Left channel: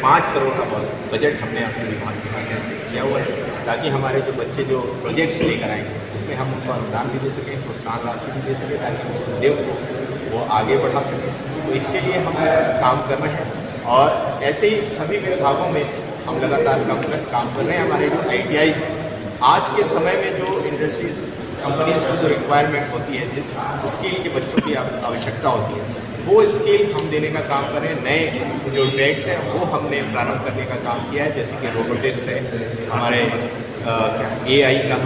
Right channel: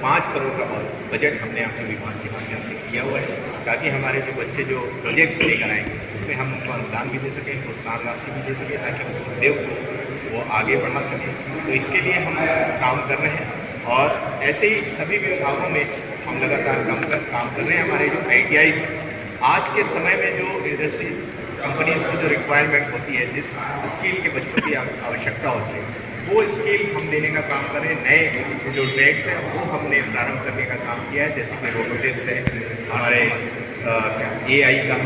5 करोड़ का बजट हमने अपने विभाग के माध्यम से किया हुआ है, ताकि हमारे जो बच्चे जो प्रोजेक्ट्स लेकर आएंगे उसमें हम उनको अनुदान भी दे सकें, प्रोत्साहन राशि भी दे सकें, ताकि उस उद्योग को वो आगे बढ़ा सकें। तो इसके लिए हम काम कर रहे हैं और ऐसे ही सभी विभागों में हम लगातार काम कर रहे हैं। हमारे जो ITIs हैं, आज के समय में जो इंडस्ट्रीज कंपनीज़ को जो रिक्वायरमेंट होती है, जिस स्किल के बच्चों की आवश्यकता होती है, वो स्किल हम देने का काम कर रहे हैं। नए जो ट्रेड्स हैं वो हमने प्रारंभ करने का काम किया है, जैसे कि रोबोटिक्स है, हमारे AI का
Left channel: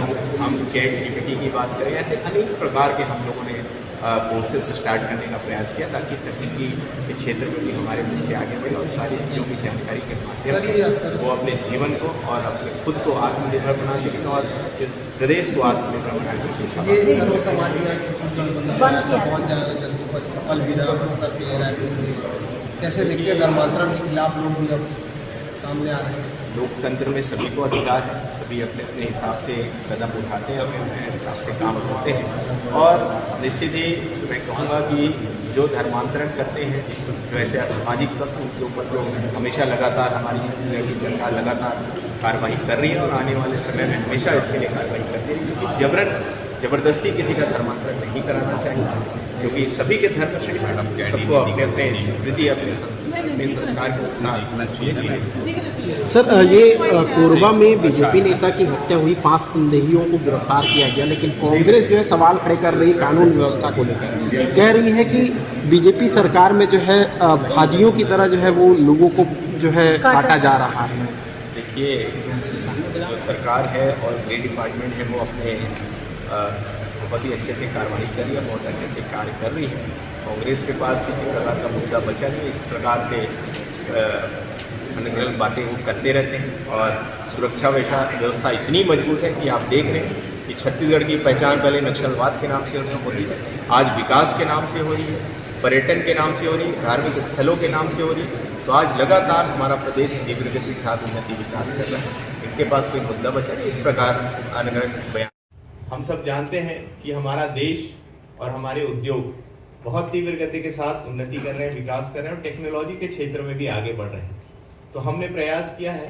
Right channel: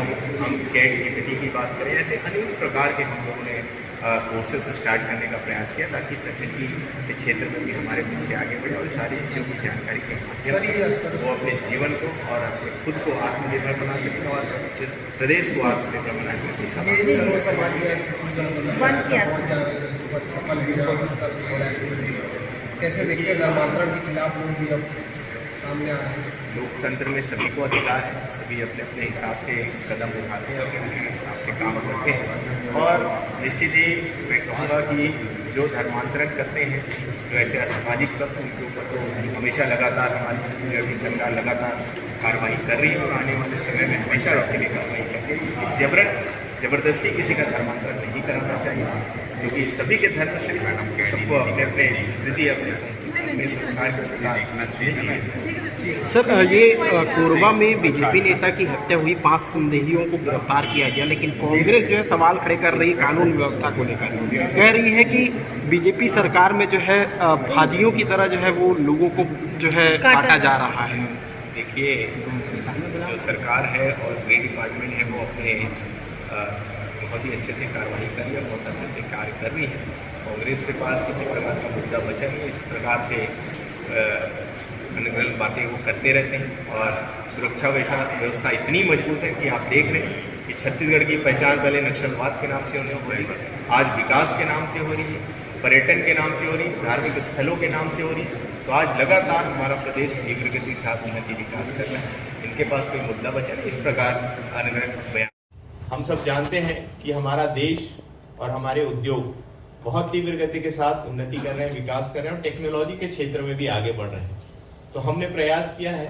हम ChatGPT की बात करें, ऐसे अनेक प्रकार के हम लोगों ने कोर्सेस स्टार्ट करने का प्रयास किया, ताकि तकनीकी के क्षेत्र में भी हमारे बच्चे आगे बढ़े और सारी चीज़ों की जानकारी के माध्यम से वो अपने जीवन को और अपने खुद को आत्मनिर्भर बना सकें और इस प्रदेश को आत्मनिर्भर बनाने की कैसे देखते धर्मांतरण के खिलाफ लोग भी अब सामने आ रहे हैं? लोकतंत्र में सभी को अधिकार है, सभी अपने अपने हिसाब से कदम उठाते हैं, अपने अपने हिसाब से काम करते हैं और निश्चित ही मैं कहूँगा कि जो धर्मांतरण करते हैं, जो ऐसे असामाजिक तत्व, उनके ऊपर तो हमेशा लगातार हमारी छत्तीसगढ़ की सरकार लगातार कार्रवाई कर रही है और आने वाले समय में हमेशा इसके लिए कार्रवाई करती है, क्योंकि जबरदस्ती किसी का धर्मांतरण नहीं कराना चाहिए, क्योंकि सभी के धर्म सबको अपने अपने संस्कृति, अपने संस्कार के। सर, ये कोरबा में बीजेपी नेता की हत्या हुई, 5 संदेहियों को गिरफ्तार किया गया, लेकिन कांग्रेस जो है सवाल खड़े कर रही कानून व्यवस्था को लेकर, कह रही है कि बीजेपी सरकार में जो है भाजियों की तरह जो है वो लोगों को जो है काटा जा रहा है। देखिए, जो सरकार है और गृह डिपार्टमेंट है वो अपने बहुत ही अच्छे से कार्रवाई कर रही है और बहुत अच्छे से कार्य कर रही है। कांग्रेस के पास किसी प्रकार का मुद्दा बचा नहीं, इस प्रकार से अनगढ़ बातें वो करते रहते हैं और सुरक्षा व्यवस्था इतनी मजबूत है कि आप देख रहे हैं कि छत्तीसगढ़ की पहचान पहले नक्सलवाद के नाम से उन्हें हो रही है, आज विकास के नाम से हो रही है, पर्यटन के नाम से हो रही है, धार्मिक स्थलों के नाम से हो रही है। तो आज लगातार हमारा प्रदेश तीव्र गति के साथ उन्नति विकास कर रहा है, इनके पास कोई मुद्दा बचा नहीं। इस प्रकार अनगढ़ बयान हम सब जानते हैं कि हमारा देश और हमारे उद्योग बहुत तीव्र गति के साथ उन्नति कर रहे हैं, विकास कर रहे हैं और टेक्नोलॉजी के क्षेत्र में भी आगे बढ़ रहे हैं। तो हमने प्रयास किया है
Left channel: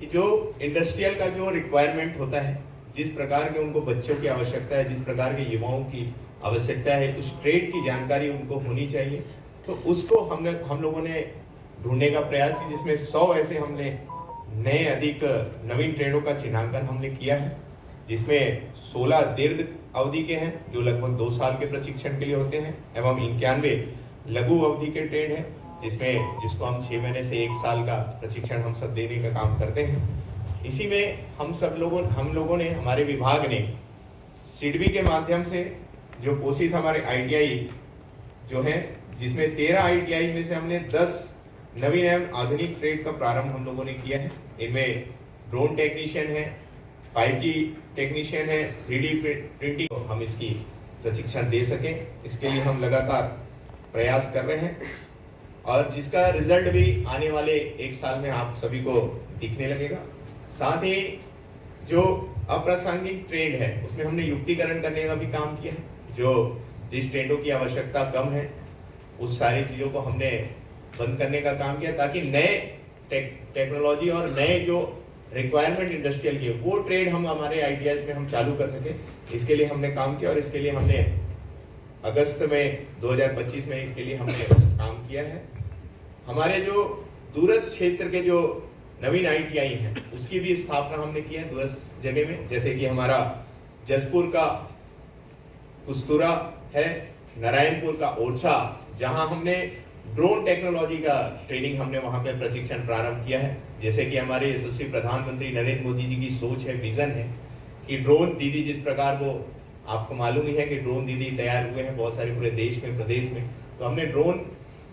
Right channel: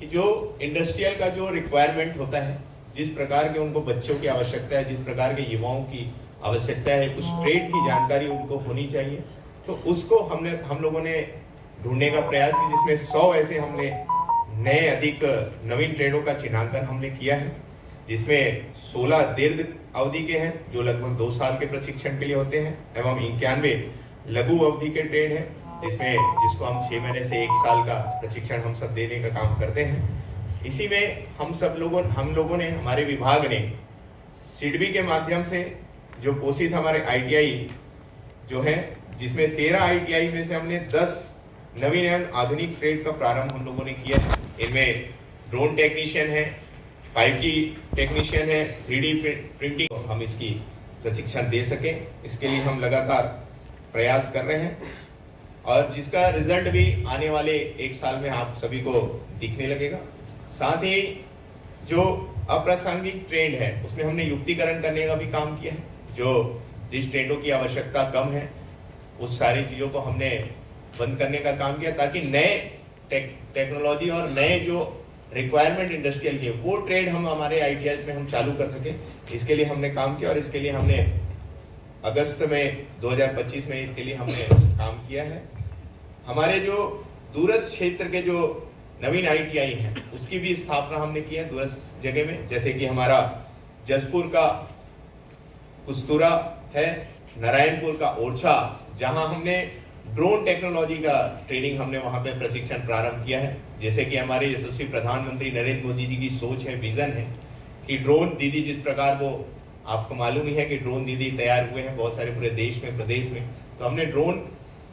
कि जो इंडस्ट्रियल का जो रिक्वायरमेंट होता है, जिस प्रकार के उनको बच्चों की आवश्यकता है, जिस प्रकार के युवाओं की आवश्यकता है, उस ट्रेड की जानकारी उनको होनी चाहिए। तो उसको हम लोगों ने ढूंढने का प्रयास किया, जिसमें 100 ऐसे हमने नए अधिक नवीन ट्रेडों का चिन्हांकन हमने किया है, जिसमें 16 दीर्घ अवधि के हैं जो लगभग 2 साल के प्रशिक्षण के लिए होते हैं एवं 91 लघु अवधि के ट्रेड हैं, जिसको हम 6 महीने से 1 साल का प्रशिक्षण हम सब देने का काम करते हैं। इसी में हम लोगों ने हमारे विभाग ने सिडबी के माध्यम से जो पोषित हमारे ITI जो है, जिसमें 13 ITI में से हमने 10 नवीन एवं आधुनिक ट्रेड का प्रारंभ हम लोगों ने किया है। इनमें ड्रोन टेक्नीशियन है, 5G टेक्नीशियन है, 3D प्रिंटिंग, हम इसकी प्रशिक्षण दे सकें, इसके लिए हम लगातार प्रयास कर रहे हैं और जिसका रिजल्ट भी आने वाले 1 साल में आप सभी को दिखने लगेगा। साथ ही जो अप्रासंगिक ट्रेंड है उसमें हमने युक्तिकरण करने का भी काम किया है। जिस ट्रेंडों की आवश्यकता कम है उस सारी चीज़ों को हमने बंद करने का काम किया, ताकि नए टेक्नोलॉजी और नए जो रिक्वायरमेंट इंडस्ट्रियल की वो ट्रेड हम हमारे ITIs में हम चालू कर सकें। इसके लिए हमने काम किया और इसके लिए हमने अगस्त में 2025 में इसके लिए हमने काम किया है। हमारे जो दूरस्थ क्षेत्र के जो नवीन ITI हैं उसकी भी स्थापना हमने की है दूरस्थ जगह में, जैसे कि हमारा जसपुर का कुस्तुरा है, नारायणपुर का ओरछा, जहां हमने ड्रोन टेक्नोलॉजी का ट्रेनिंग हमने वहां पे प्रशिक्षण प्रारंभ किया है। जैसे कि हमारे यशस्वी प्रधानमंत्री नरेंद्र मोदी जी की सोच है, विजन है कि ड्रोन दीदी, जिस प्रकार वो आपको मालूम ही है कि ड्रोन दीदी तैयार हुए हैं बहुत सारे पूरे देश में, प्रदेश में, तो हमने ड्रोन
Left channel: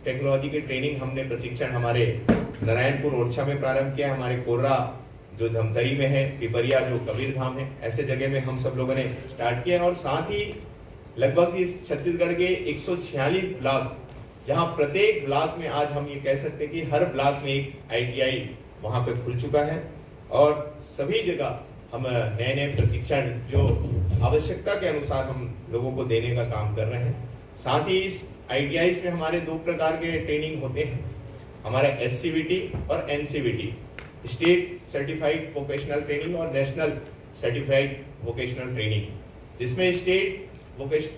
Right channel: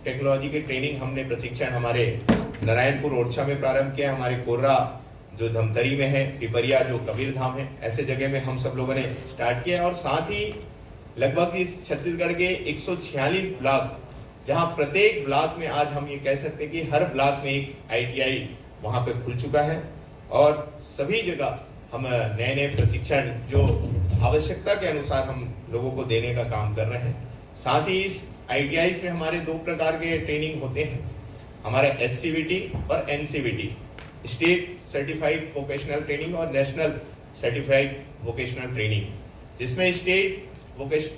टेक्नोलॉजी की ट्रेनिंग हमने प्रशिक्षण हमारे नारायणपुर ओरछा में प्रारंभ किया है। हमारे कोर्रा जो धमतरी में है, पिपरिया जो कबीर धाम है, ऐसे जगह में हम सब लोगों ने स्टार्ट किया है। और साथ ही लगभग इस छत्तीसगढ़ के 146 ब्लॉक, जहां प्रत्येक ब्लॉक में आज हम ये कह सकते हैं कि हर ब्लॉक में एक ITI वहां पे खुल चुका है और सभी जगह हम नए नए प्रशिक्षण जो आवश्यकता के अनुसार हम लोगों को देने का काम कर रहे हैं। साथ ही इस ITIs में हमारे 2 प्रकार के ट्रेनिंग होते हैं। हमारा SCVT और NCVT, state certified vocational training और नेशनल सर्टिफाइड वोकेशनल ट्रेनिंग, जिसमें स्टेट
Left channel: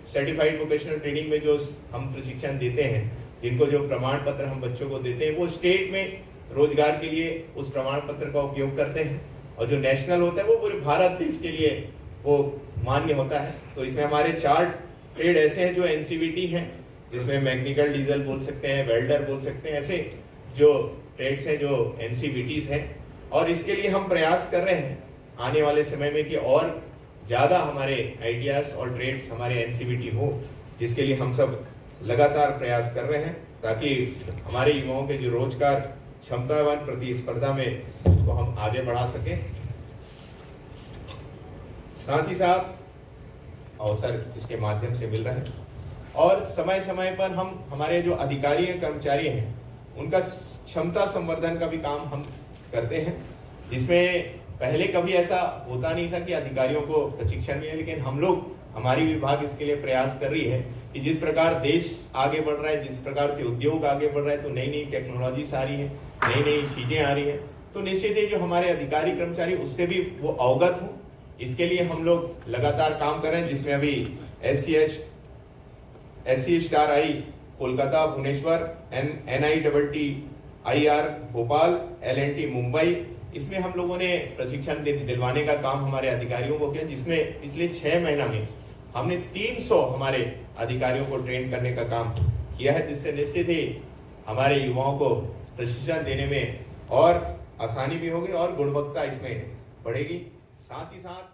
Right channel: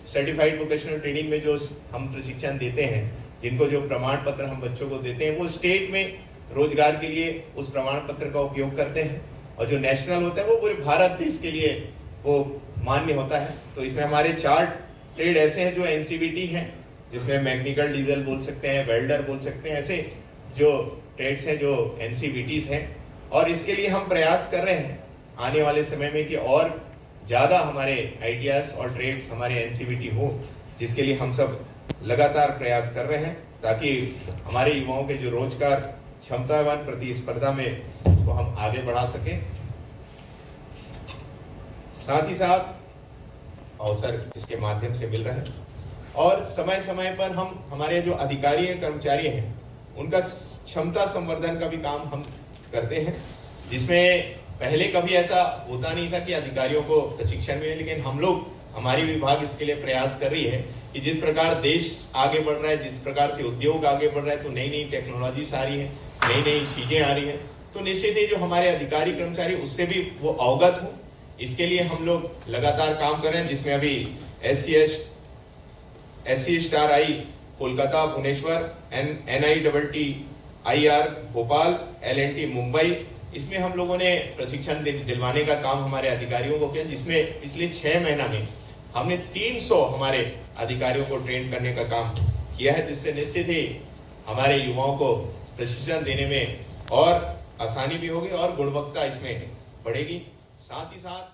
सर्टिफाइड वोकेशनल ट्रेनिंग में जो हम प्रशिक्षण देते हैं, जिनको जो प्रमाण पत्र हम बच्चों को देते हैं, वो स्टेट में रोजगार के लिए उस प्रमाण पत्र का उपयोग करते हैं, और जो नेशनल होता है वो पूरे भारत देश के लिए वो मान्य होता है। तो इसमें हमारे 4 ट्रेड ऐसे हैं जो NCVT हैं, जिसमें मैकेनिकल डीजल बोल सकते हैं, वेल्डर बोल सकते हैं, ऐसे जो ट्रेड्स हैं जो NCVTs हैं। और इसके लिए हम प्रयास कर रहे हैं आने वाले समय में कि और ज़्यादा हमारे आइडियाज़ और ट्रेड्स हमारे NCVT हो, जिसके लिए हम सब लगातार प्रयास कर रहे हैं, ताकि हमारे युवाओं के जो रोजगार क्षमतावान प्रतिस्पर्धा में उसको हम आगे बढ़ा सकें। साथ ही साथ अवसर इसके माध्यम से मिल रहे हैं, और समय समय पर हम हमारे जो अधिकारी हैं, कर्मचारी हैं, उनका क्षमता संवर्धन का भी काम हम करते हैं, जिसमें पहले कभी ऐसा होता नहीं था कि अधिकारियों को प्रशिक्षण मिले, लेकिन हम लोग, हमारी विभाग इसके लिए प्रयास कर रही है कि जिस प्रकार देश आगे बढ़ रहा है, जिस प्रकार से उद्योग आगे बढ़ रहा है, तो नई नई टेक्नोलॉजीज आ रही है, नई नई चीजें आ रही है, तो निश्चित ही जो हमारे अधिकारी कर्मचारी उससे भी वो अवगत हो, इसके लिए हम लोग लगातार काम कर रहे हैं, जिसमें अभी SC स्टार आई कोलकाता, भुवनेश्वर, NITTIR भोपाल, LNT मुंबई, इसमें हम लोगों ने प्रशिक्षण दिलवाने का काम हमारे अधिकारियों को किया, जिसमें पिछले 6 महीना में हमने 300 हमारे अधिकारियों को ट्रेन करने का काम किया है, जिससे निश्चित ही हमारे युवाओं को प्रशिक्षण देने में और आसानी भी होगी और गुणवत्ता इसमें बढ़ेगी। साथ ही साथ